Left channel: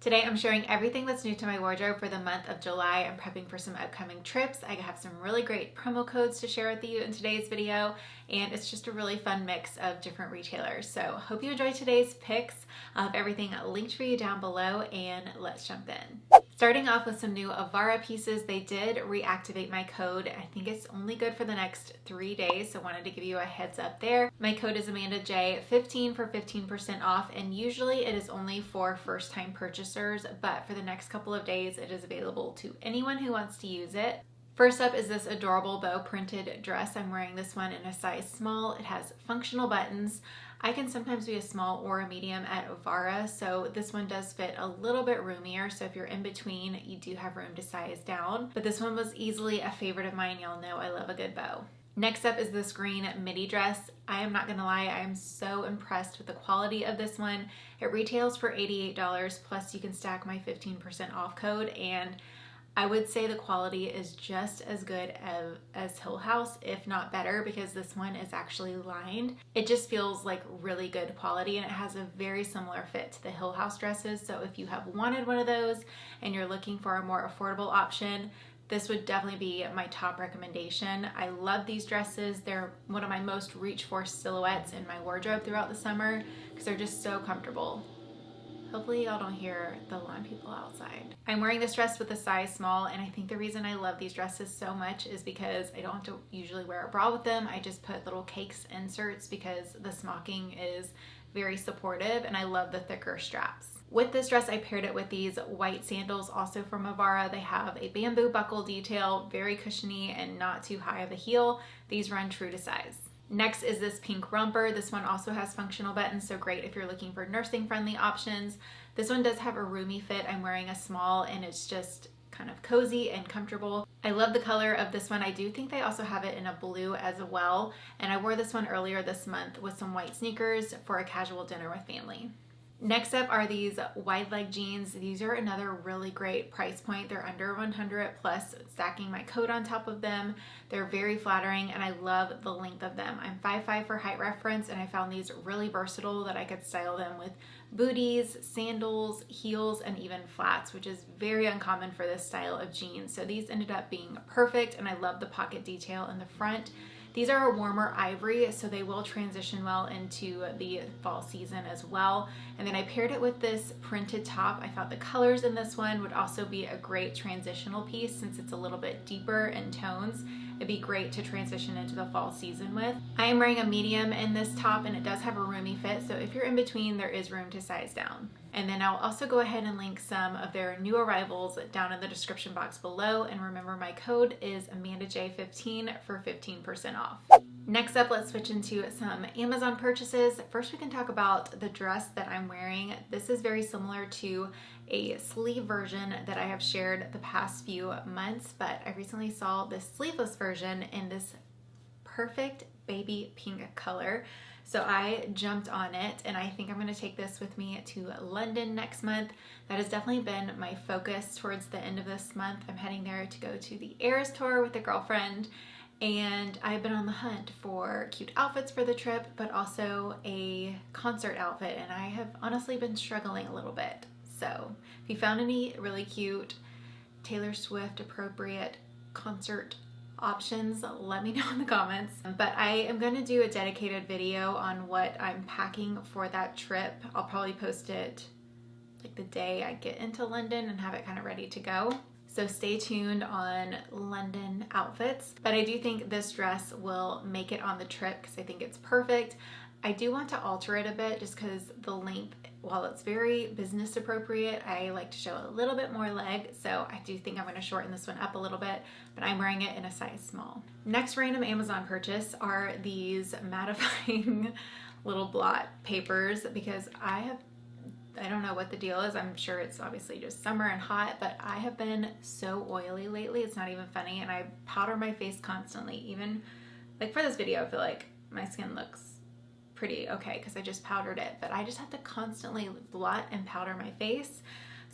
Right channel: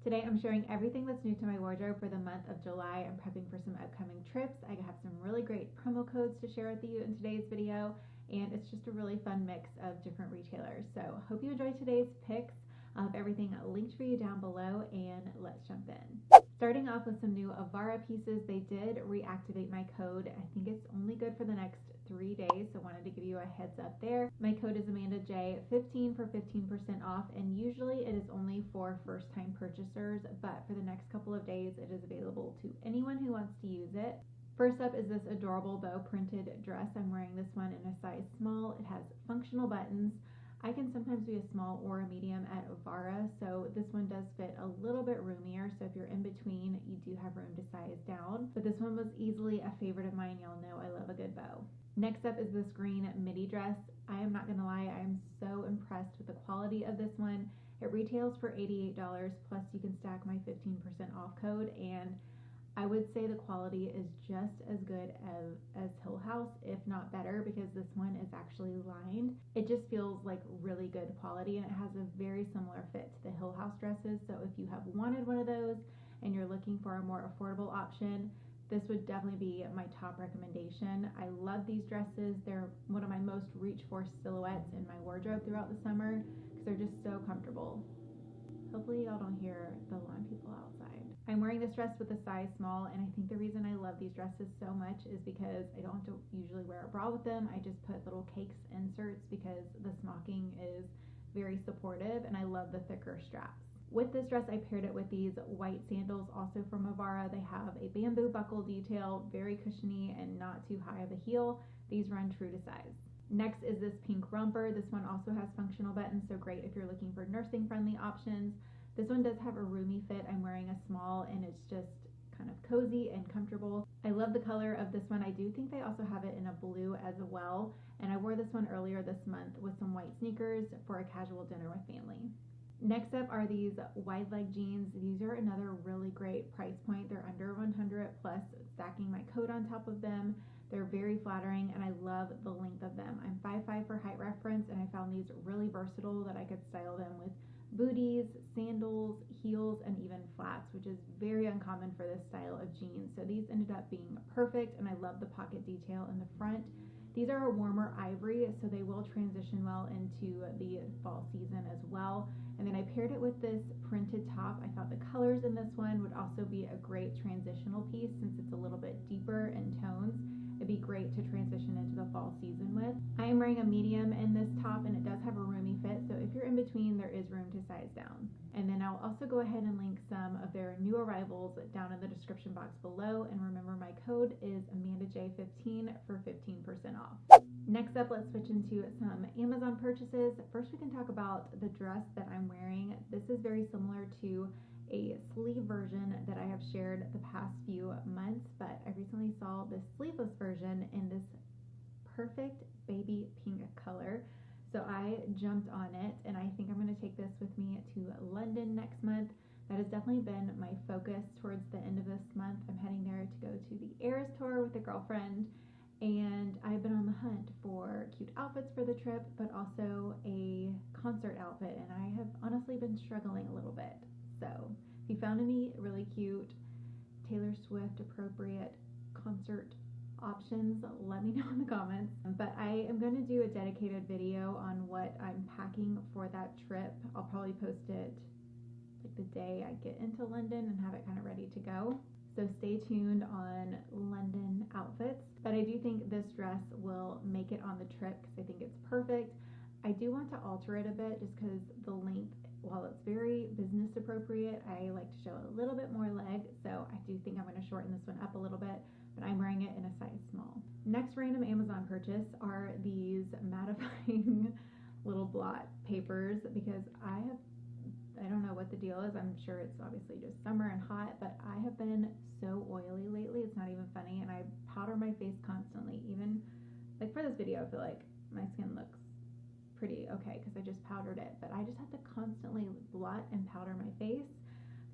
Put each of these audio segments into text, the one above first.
Today I'm sharing everything that's new to my wardrobe for the month of July. I'm prepping for some upcoming trips. I have some really great promo codes to share with you in today's video, and it's just a really fun mix of different retailers. So hope you enjoyed today's picks. I'll have everything linked for you down below, and let's jump in. Starting off with some new Avara pieces. They did reactivate my code. I think it's only good for the next 3 days, so wanted to give you a heads up there. My code is AMANDAJ15 for 15% off, and usually it is only for first-time purchasers, but for the next couple of days it is available to anyone who wants to use it. First up is this adorable bow printed dress. I'm wearing this one in a size small. It has functional buttons. I can sometimes be a small or a medium at Avara, so this one does fit a little bit roomier, so if you're in between, you do have room to size down. But this one was easily a favorite of mine. Y'all know I love a good bow. Next up is this green midi dress. I am not gonna lie, I am so impressed with the quality of this one. It retails for $88, plus you can stack my 15% off code, and I would say the quality is just as good as Hill House, if not better, because this one is actually lined. It just feels like really good quality, and it has a very similar fit to the Hill House dresses. So if you have wanted one of those and you're looking for a more affordable option, this would definitely be my top recommendation. I love these dresses. They're one of my most reach for silhouettes in my wardrobe throughout the summer because they're just so comfortable. Hopefully y'all don't hear the lawn people outside. I'm wearing this dress with a size small, and I think the reason I love these dresses so much is because I don't have to usually wear a bra with them. I just put little cakes inserts because the smocking is very supportive, and I love the thicker straps. With this dress, I paired it with these white sandals, also from Avara. They have a bamboo buckle detail, very cushiony and not too high of a heel. These run true to size. Next is this pink romper. This one also has functional buttons, so great if you're looking for nursing friendly options. This one does have a roomy fit. I'm wearing a small, and it's just kind of cozy and comfortable. I love the color of this one. I do think they also have it in a blue as well, and I wore this one earlier this month with some white sneakers for a casual dinner with family. Next up are these wide leg jeans. These are another really great price point. They're under 100 plus stacking my coat on top of them. They're very flattering, and I love the length of them. I'm 5'5" for height reference, and I found these really versatile that I could style them with booties, sandals, heels, and even flats, which is very uncommon for this style of jeans. So these ended up being perfect, and I love the pocket detail in the front. These are a warmer ivory, so they will transition well into the fall season as well. And then I paired it with this printed top. I thought the colors in this one would also be a great transitional piece since it's a little bit deeper in tones. It'd be great to transition into the fall season with. I am wearing a medium in this top, and it does have a roomy fit, so if you're in between, there is room to size down. And then I'll also go ahead and link some of their new arrivals down in the description box below, and remember my code is AMANDAJ15 for 15% off. Next up, let's switch into some Amazon purchases. First, we can talk about the dress that I'm wearing. This is very similar to a sleeve version that I have shared the past few months, but I recently saw this sleeveless version in this perfect baby pink color. So I jumped on it, and I think I'm going to take this with me to London next month. That has definitely been my focus towards the end of this month. I'm heading there to go to the Eras tour with a girlfriend, and I've been on the hunt for cute outfits for the trip, but also a concert outfit, and I have honestly been struggling a little bit. So if you found any really cute Taylor Swift appropriate concert options, let me know in the comments. But I am going to do a dedicated video on what I'm packing for that trip. I'll probably post it like the day I get into London and have it kind of ready to go. So stay tuned on London outfits. But I do think this dress will make it on the trip because I think it's perfect. I do want to alter it a bit just because the length, while it's very business appropriate, I like to show a little bit more leg, so I do think I'm going to shorten this one up a little bit, but I'm wearing it in a size small. Next random Amazon purchase are these mattifying little blot papers because I don't know what the deal is. I'm sure it's obviously just summer and hot, but I have been so oily lately, it's not even funny, and I powder my face constantly. Even like for this video, I feel like my skin looks pretty okay because I just powdered it, but I just have to constantly blot and powder my face.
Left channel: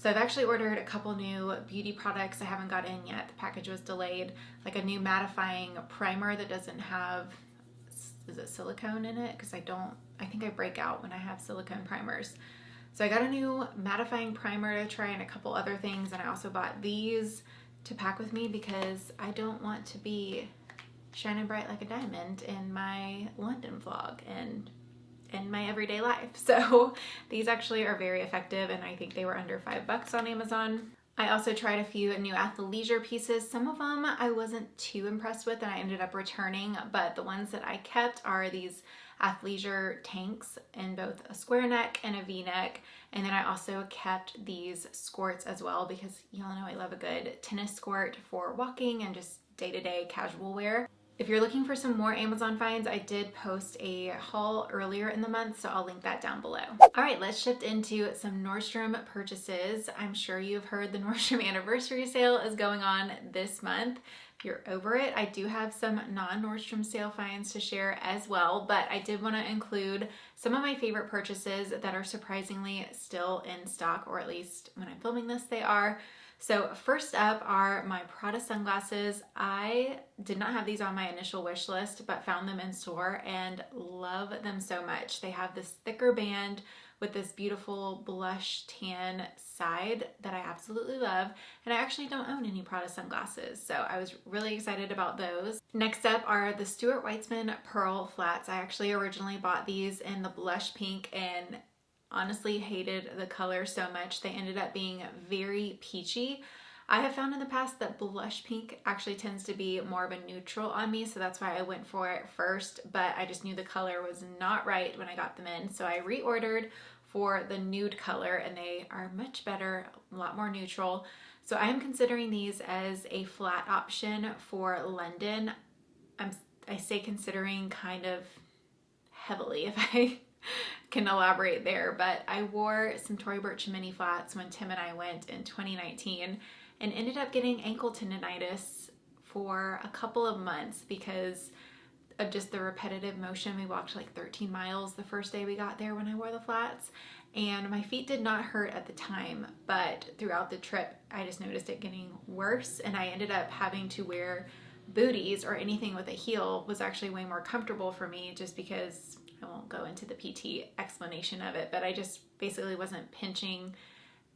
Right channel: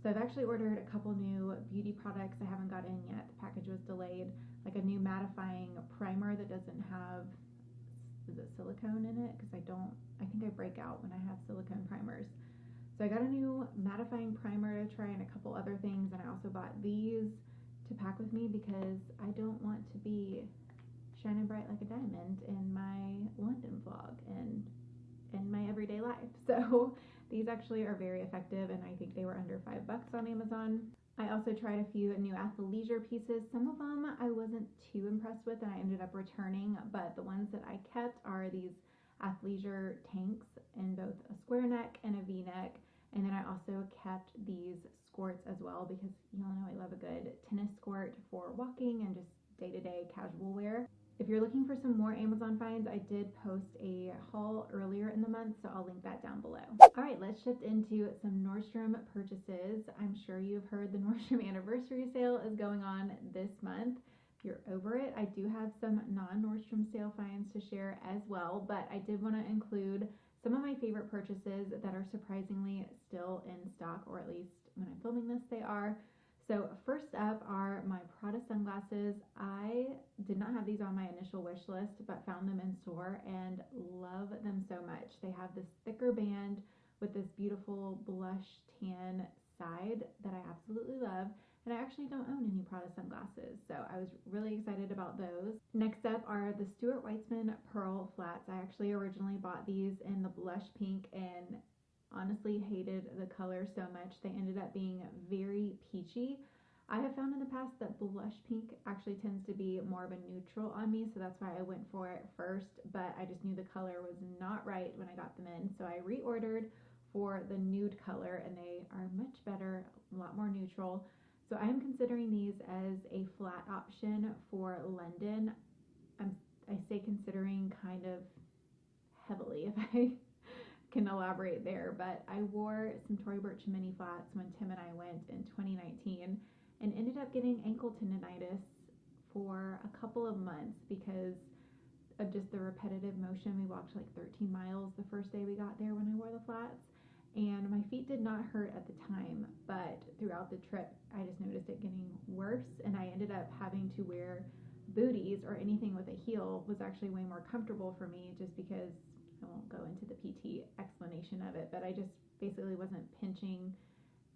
So I've actually ordered a couple new beauty products I haven't got in yet. The package was delayed, like a new mattifying primer that doesn't have, is it silicone in it? Because I think I break out when I have silicone primers. So I got a new mattifying primer to try and a couple other things, and I also bought these to pack with me because I don't want to be shining bright like a diamond in my London vlog and in my everyday life. So these actually are very effective, and I think they were under $5 on Amazon. I also tried a few new athleisure pieces. Some of them I wasn't too impressed with and I ended up returning, but the ones that I kept are these athleisure tanks in both a square neck and a V-neck. And then I also kept these skirts as well because y'all know I love a good tennis skirt for walking and just day-to-day casual wear. If you're looking for some more Amazon finds, I did post a haul earlier in the month, so I'll link that down below. All right, let's shift into some Nordstrom purchases. I'm sure you've heard the Nordstrom anniversary sale is going on this month. If you're over it, I do have some non-Nordstrom sale finds to share as well, but I did want to include some of my favorite purchases that are surprisingly still in stock, or at least when I'm filming this, they are. So first up are my Prada sunglasses. I did not have these on my initial wish list, but found them in store and love them so much. They have this thicker band with this beautiful blush tan side that I absolutely love. And I actually don't own any Prada sunglasses, so I was really excited about those. Next up are the Stuart Weitzman Pearl Flats. I actually originally bought these in the blush pink and honestly hated the color so much. They ended up being very peachy. I have found in the past that blush pink actually tends to be more of a neutral on me, so that's why I went for it first, but I just knew the color was not right when I got them in, so I reordered for the nude color, and they are much better, a lot more neutral. So I am considering these as a flat option for London. I say considering kind of heavily, if I can elaborate there, but I wore some Tory Burch mini flats when Tim and I went in 2019 and ended up getting ankle tendonitis for a couple of months because of just the repetitive motion. We walked like 13 miles the first day we got there when I wore the flats, and my feet did not hurt at the time, but throughout the trip I just noticed it getting worse, and I ended up having to wear booties, or anything with a heel was actually way more comfortable for me, just because I won't go into the PT explanation of it, but I just basically wasn't pinching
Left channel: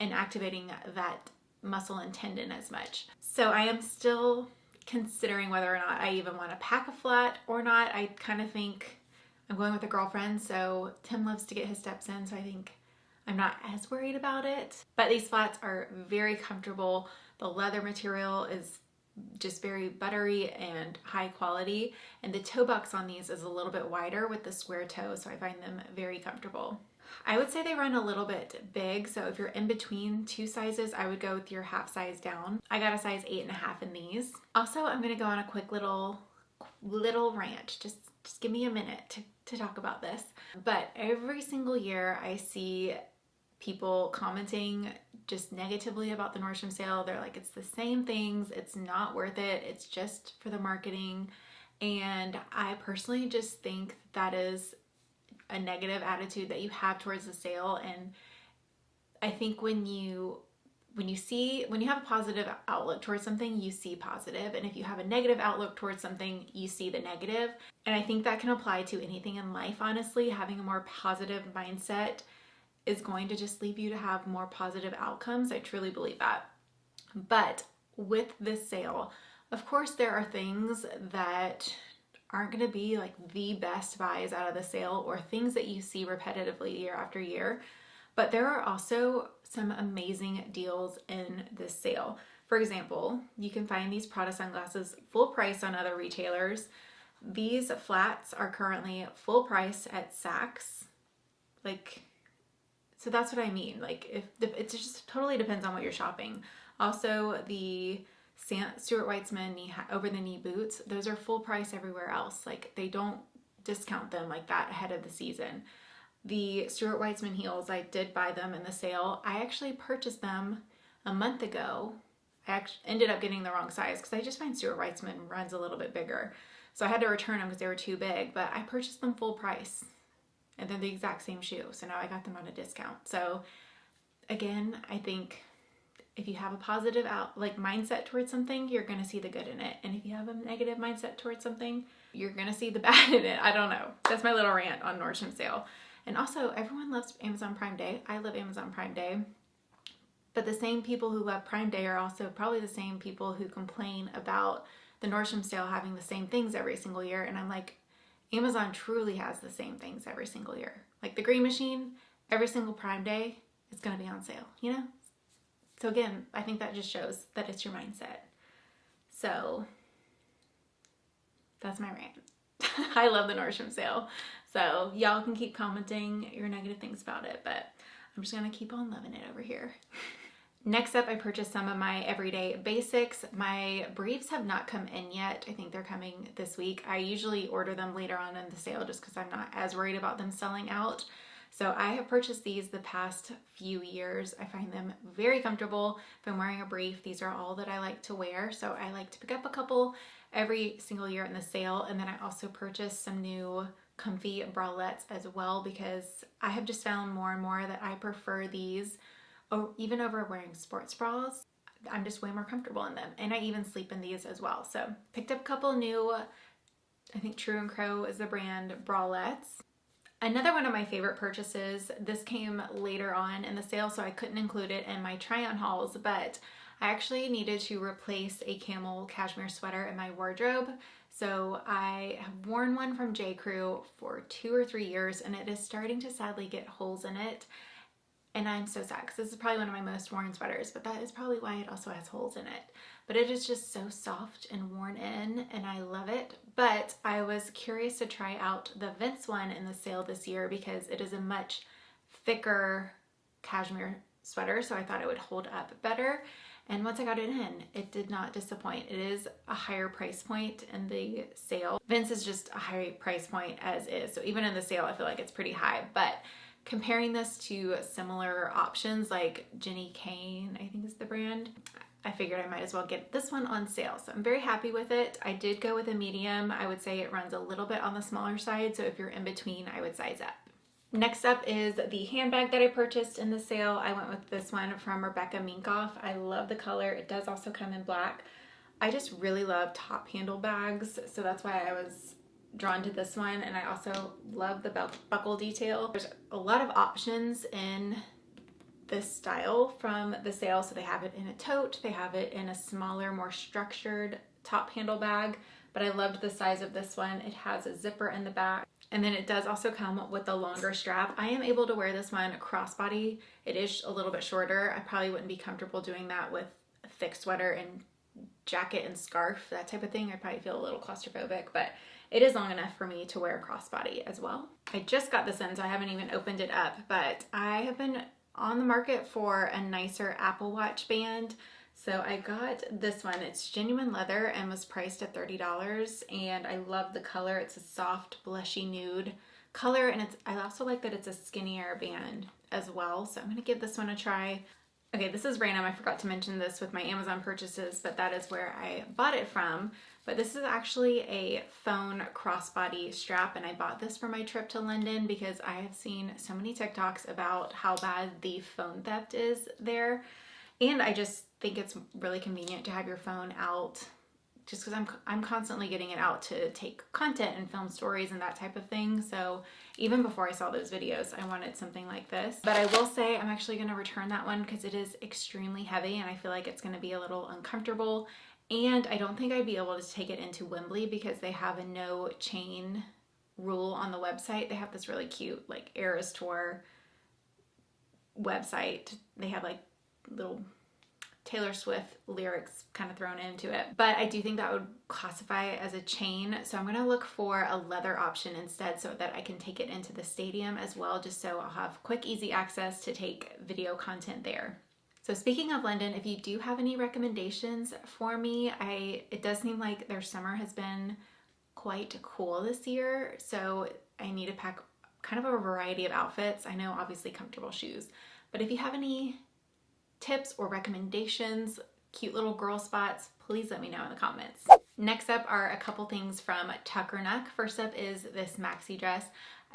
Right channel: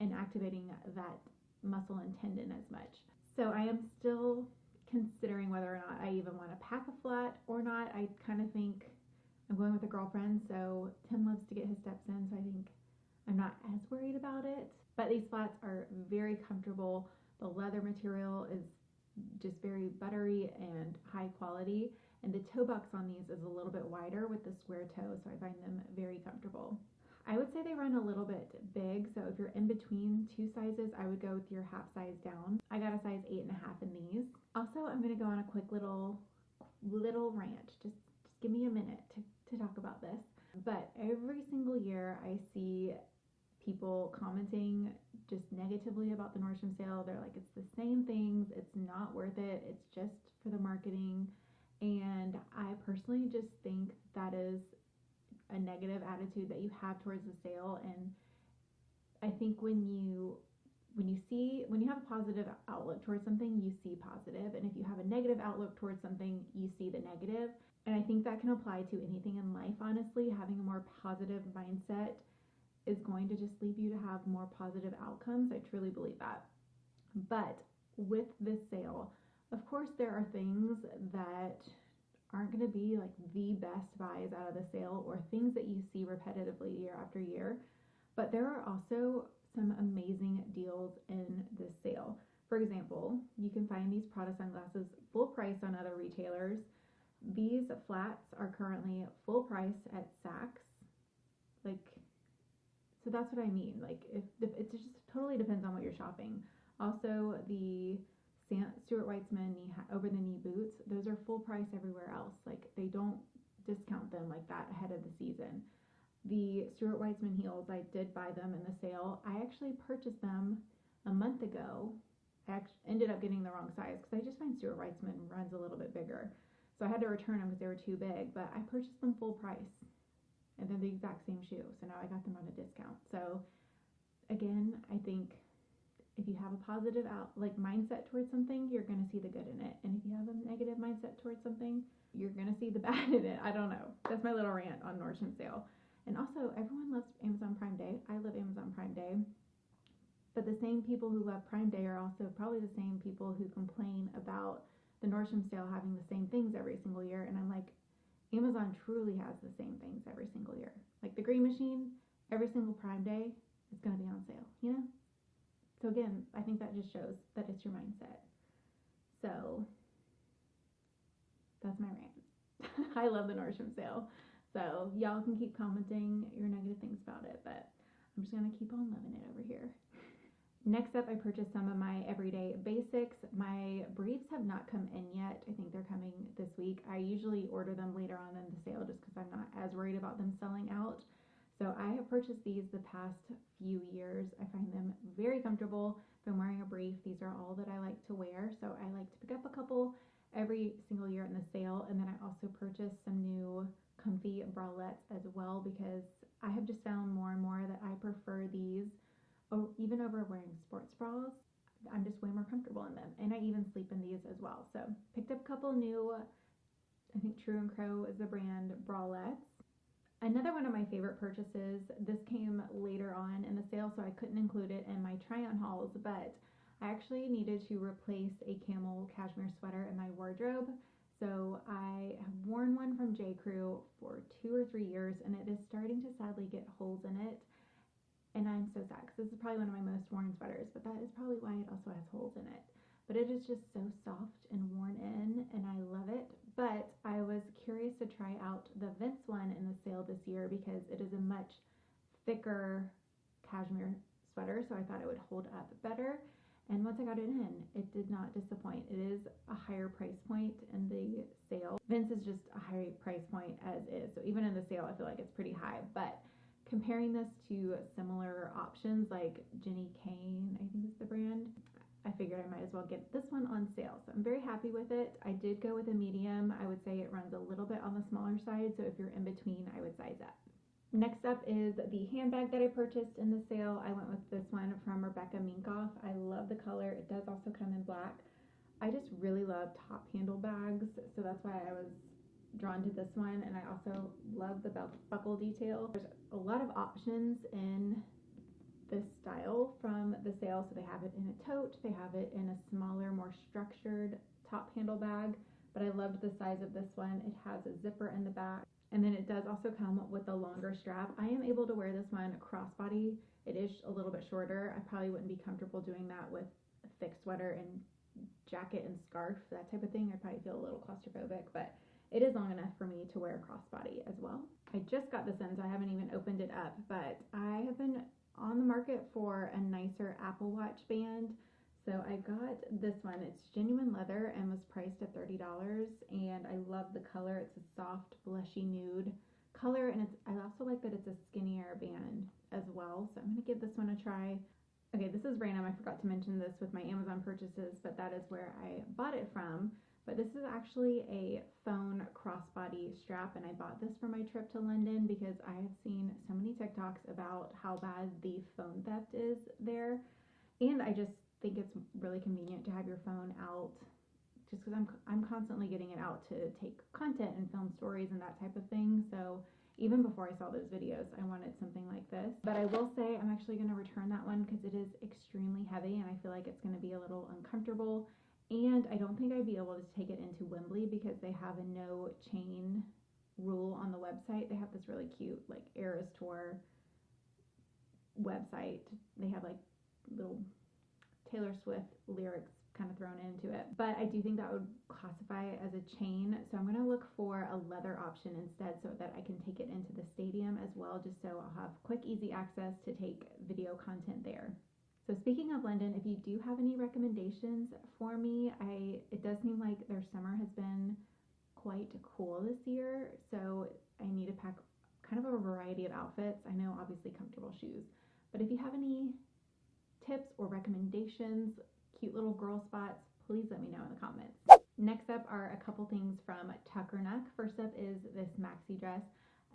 and activating that muscle and tendon as much. So I am still considering whether or not I even want to pack a flat or not. I kind of think I'm going with a girlfriend, so Tim loves to get his steps in, so I think I'm not as worried about it. But these flats are very comfortable. The leather material is just very buttery and high quality, and the toe box on these is a little bit wider with the square toe, so I find them very comfortable. I would say they run a little bit big, so if you're in between two sizes, I would go with your half size down. I got a size 8.5 in these. Also, I'm gonna go on a quick little rant. Just give me a minute to talk about this. But every single year I see people commenting just negatively about the Nordstrom sale. They're like, it's the same things, it's not worth it, it's just for the marketing. And I personally just think that is a negative attitude that you have towards the sale. And I think when you have a positive outlook towards something, you see positive, and if you have a negative outlook towards something, you see the negative. And I think that can apply to anything in life, honestly. Having a more positive mindset is going to just leave you to have more positive outcomes. I truly believe that. But with this sale, of course, there are things that aren't going to be like the best buys out of the sale, or things that you see repetitively year after year. But there are also some amazing deals in this sale. For example, you can find these Prada sunglasses full price on other retailers. These flats are currently full price at Saks. So that's what I mean. Like, it just totally depends on what you're shopping. Also, the Stuart Weitzman over-the-knee boots, those are full price everywhere else. Like, they don't discount them like that ahead of the season. The Stuart Weitzman heels, I did buy them in the sale. I actually purchased them a month ago. I ended up getting the wrong size because I just find Stuart Weitzman runs a little bit bigger. So I had to return them because they were too big, but I purchased them full price. And they're the exact same shoe, so now I got them on a discount. So again, I think if you have a positive mindset towards something, you're gonna see the good in it. And if you have a negative mindset towards something, you're gonna see the bad in it. I don't know. That's my little rant on Nordstrom sale. And also, everyone loves Amazon Prime Day. I love Amazon Prime Day. But the same people who love Prime Day are also probably the same people who complain about the Nordstrom sale having the same things every single year. And I'm like, Amazon truly has the same things every single year. Like the green machine, every single Prime Day, it's going to be on sale, you know? So again, I think that just shows that it's your mindset. So that's my rant. I love the Nordstrom sale. So y'all can keep commenting your negative things about it, but I'm just going to keep on loving it over here. Next up, I purchased some of my everyday basics. My briefs have not come in yet. I think they're coming this week. I usually order them later on in the sale just because I'm not as worried about them selling out. So I have purchased these the past few years. I find them very comfortable. If I'm wearing a brief, these are all that I like to wear. So I like to pick up a couple every single year in the sale. And then I also purchased some new comfy bralettes as well, because I have just found more and more that I prefer these even over wearing sports bras. I'm just way more comfortable in them. And I even sleep in these as well. So picked up a couple new, I think Tuckernuck is the brand, bralettes. Another one of my favorite purchases, this came later on in the sale, so I couldn't include it in my try-on hauls, but I actually needed to replace a camel cashmere sweater in my wardrobe. So I have worn one from J. Crew for 2 or 3 years, and it is starting to sadly get holes in it. And I'm so sad because this is probably one of my most worn sweaters, but that is probably why it also has holes in it. But it is just so soft and worn in, and I love it. But I was curious to try out the Vince one in the sale this year because it is a much thicker cashmere sweater, so I thought it would hold up better. And once I got it in, it did not disappoint. It is a higher price point in the sale. Vince is just a high price point as is, so even in the sale, I feel like it's pretty high. But comparing this to similar options like Jenny Kane, I think is the brand, I figured I might as well get this one on sale. So I'm very happy with it. I did go with a medium. I would say it runs a little bit on the smaller side, so if you're in between, I would size up. Next up is the handbag that I purchased in the sale. I went with this one from Rebecca Minkoff. I love the color. It does also come in black. I just really love top handle bags, so that's why I was drawn to this one. And I also love the belt buckle detail. There's a lot of options in this style from the sale. So they have it in a tote, they have it in a smaller, more structured top handle bag, but I loved the size of this one. It has a zipper in the back, and then it does also come with a longer strap. I am able to wear this one crossbody. It is a little bit shorter. I probably wouldn't be comfortable doing that with a thick sweater and jacket and scarf, that type of thing. I'd probably feel a little claustrophobic, but it is long enough for me to wear crossbody as well. I just got this in, so I haven't even opened it up, but I have been on the market for a nicer Apple Watch band. So I got this one. It's genuine leather and was priced at $30, and I love the color. It's a soft blushy nude color, and I also like that it's a skinnier band as well. So I'm gonna give this one a try. Okay, this is random. I forgot to mention this with my Amazon purchases, but that is where I bought it from. But this is actually a phone crossbody strap, and I bought this for my trip to London because I have seen so many TikToks about how bad the phone theft is there. And I just think it's really convenient to have your phone out, just because I'm constantly getting it out to take content and film stories and that type of thing. So even before I saw those videos, I wanted something like this. But I will say I'm actually going to return that one because it is extremely heavy, and I feel like it's going to be a little uncomfortable. And I don't think I'd be able to take it into Wembley because they have a no chain rule on the website. They have this really cute like Eras Tour website. They have like little Taylor Swift lyrics kind of thrown into it. But I do think that would classify as a chain. So I'm gonna look for a leather option instead so that I can take it into the stadium as well, just so I'll have quick, easy access to take video content there. So speaking of London, if you do have any recommendations for me, it does seem like their summer has been quite cool this year. So I need to pack kind of a variety of outfits. I know obviously comfortable shoes, but if you have any tips or recommendations, cute little girl spots, please let me know in the comments. Next up are a couple things from Tuckernuck. First up is this maxi dress.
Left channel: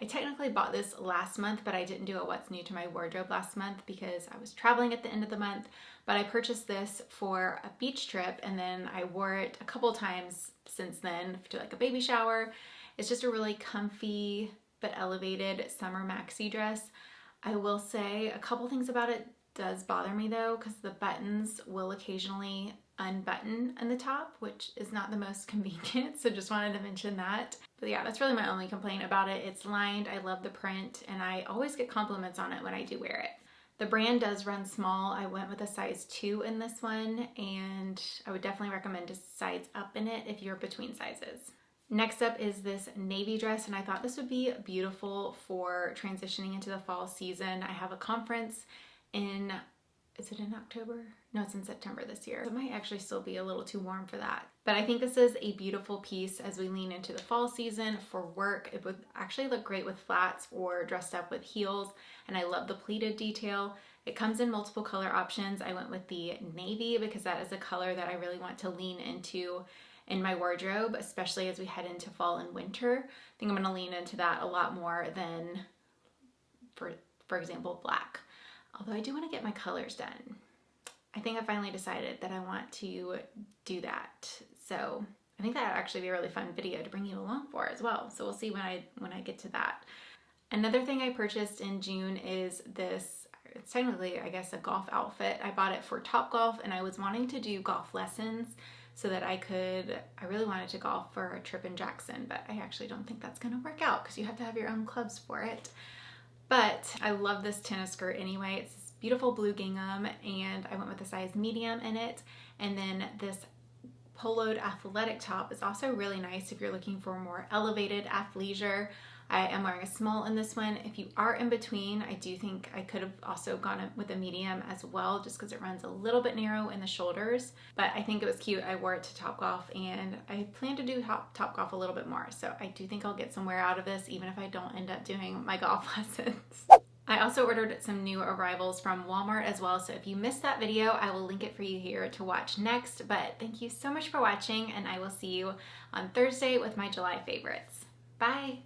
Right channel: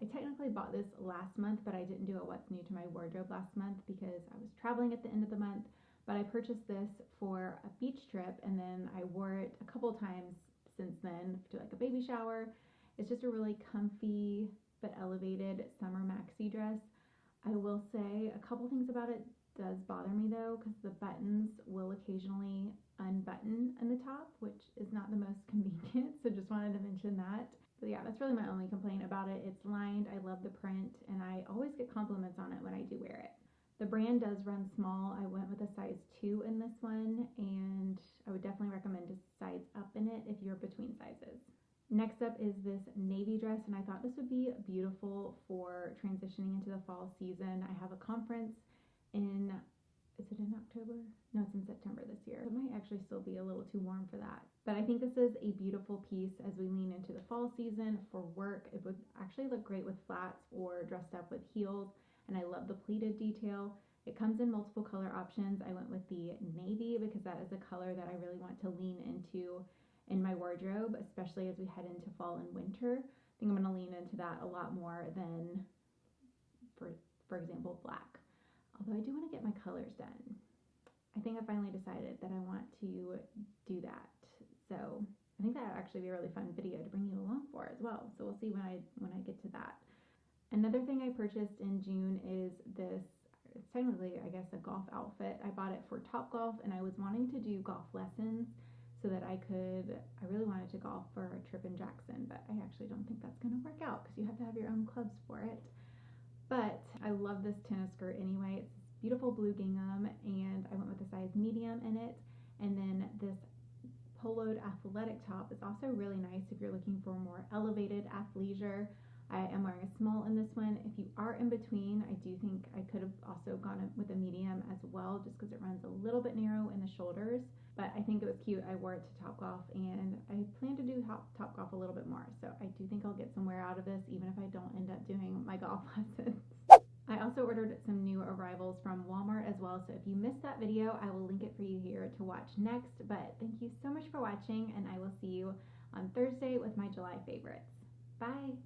I technically bought this last month, but I didn't do a what's new to my wardrobe last month because I was traveling at the end of the month. But I purchased this for a beach trip, and then I wore it a couple times since then to like a baby shower. It's just a really comfy but elevated summer maxi dress. I will say a couple things about it does bother me though, because the buttons will occasionally unbutton in the top, which is not the most convenient, so just wanted to mention that. But yeah, that's really my only complaint about it. It's lined, I love the print, and I always get compliments on it when I do wear it. The brand does run small. I went with a size 2 in this one, and I would definitely recommend to size up in it if you're between sizes. Next up is this navy dress, and I thought this would be beautiful for transitioning into the fall season. I have a conference in, is it in October? No, it's in September this year. It might actually still be a little too warm for that. But I think this is a beautiful piece as we lean into the fall season. For work, it would actually look great with flats or dressed up with heels. And I love the pleated detail. It comes in multiple color options. I went with the navy because that is a color that I really want to lean into in my wardrobe, especially as we head into fall and winter. I think I'm gonna lean into that a lot more than, for example, black. Although I do want to get my colors done. I think I finally decided that I want to do that. So I think that would actually be a really fun video to bring you along for as well. So we'll see when I get to that. Another thing I purchased in June is this, it's technically, I guess, a golf outfit. I bought it for Topgolf, and I was wanting to do golf lessons so that I really wanted to golf for a trip in Jackson, but I actually don't think that's gonna work out because you have to have your own clubs for it. But I love this tennis skirt anyway. It's this beautiful blue gingham, and I went with a size medium in it. And then this poloed athletic top is also really nice if you're looking for more elevated athleisure. I am wearing a small in this one. If you are in between, I do think I could have also gone with a medium as well, just because it runs a little bit narrow in the shoulders. But I think it was cute. I wore it to Topgolf, and I plan to do Topgolf a little bit more. So I do think I'll get some wear out of this, even if I don't end up doing my golf lessons. I also ordered some new arrivals from Walmart as well. So if you missed that video, I will link it for you here to watch next. But thank you so much for watching, and I will see you on Thursday with my July favorites. Bye.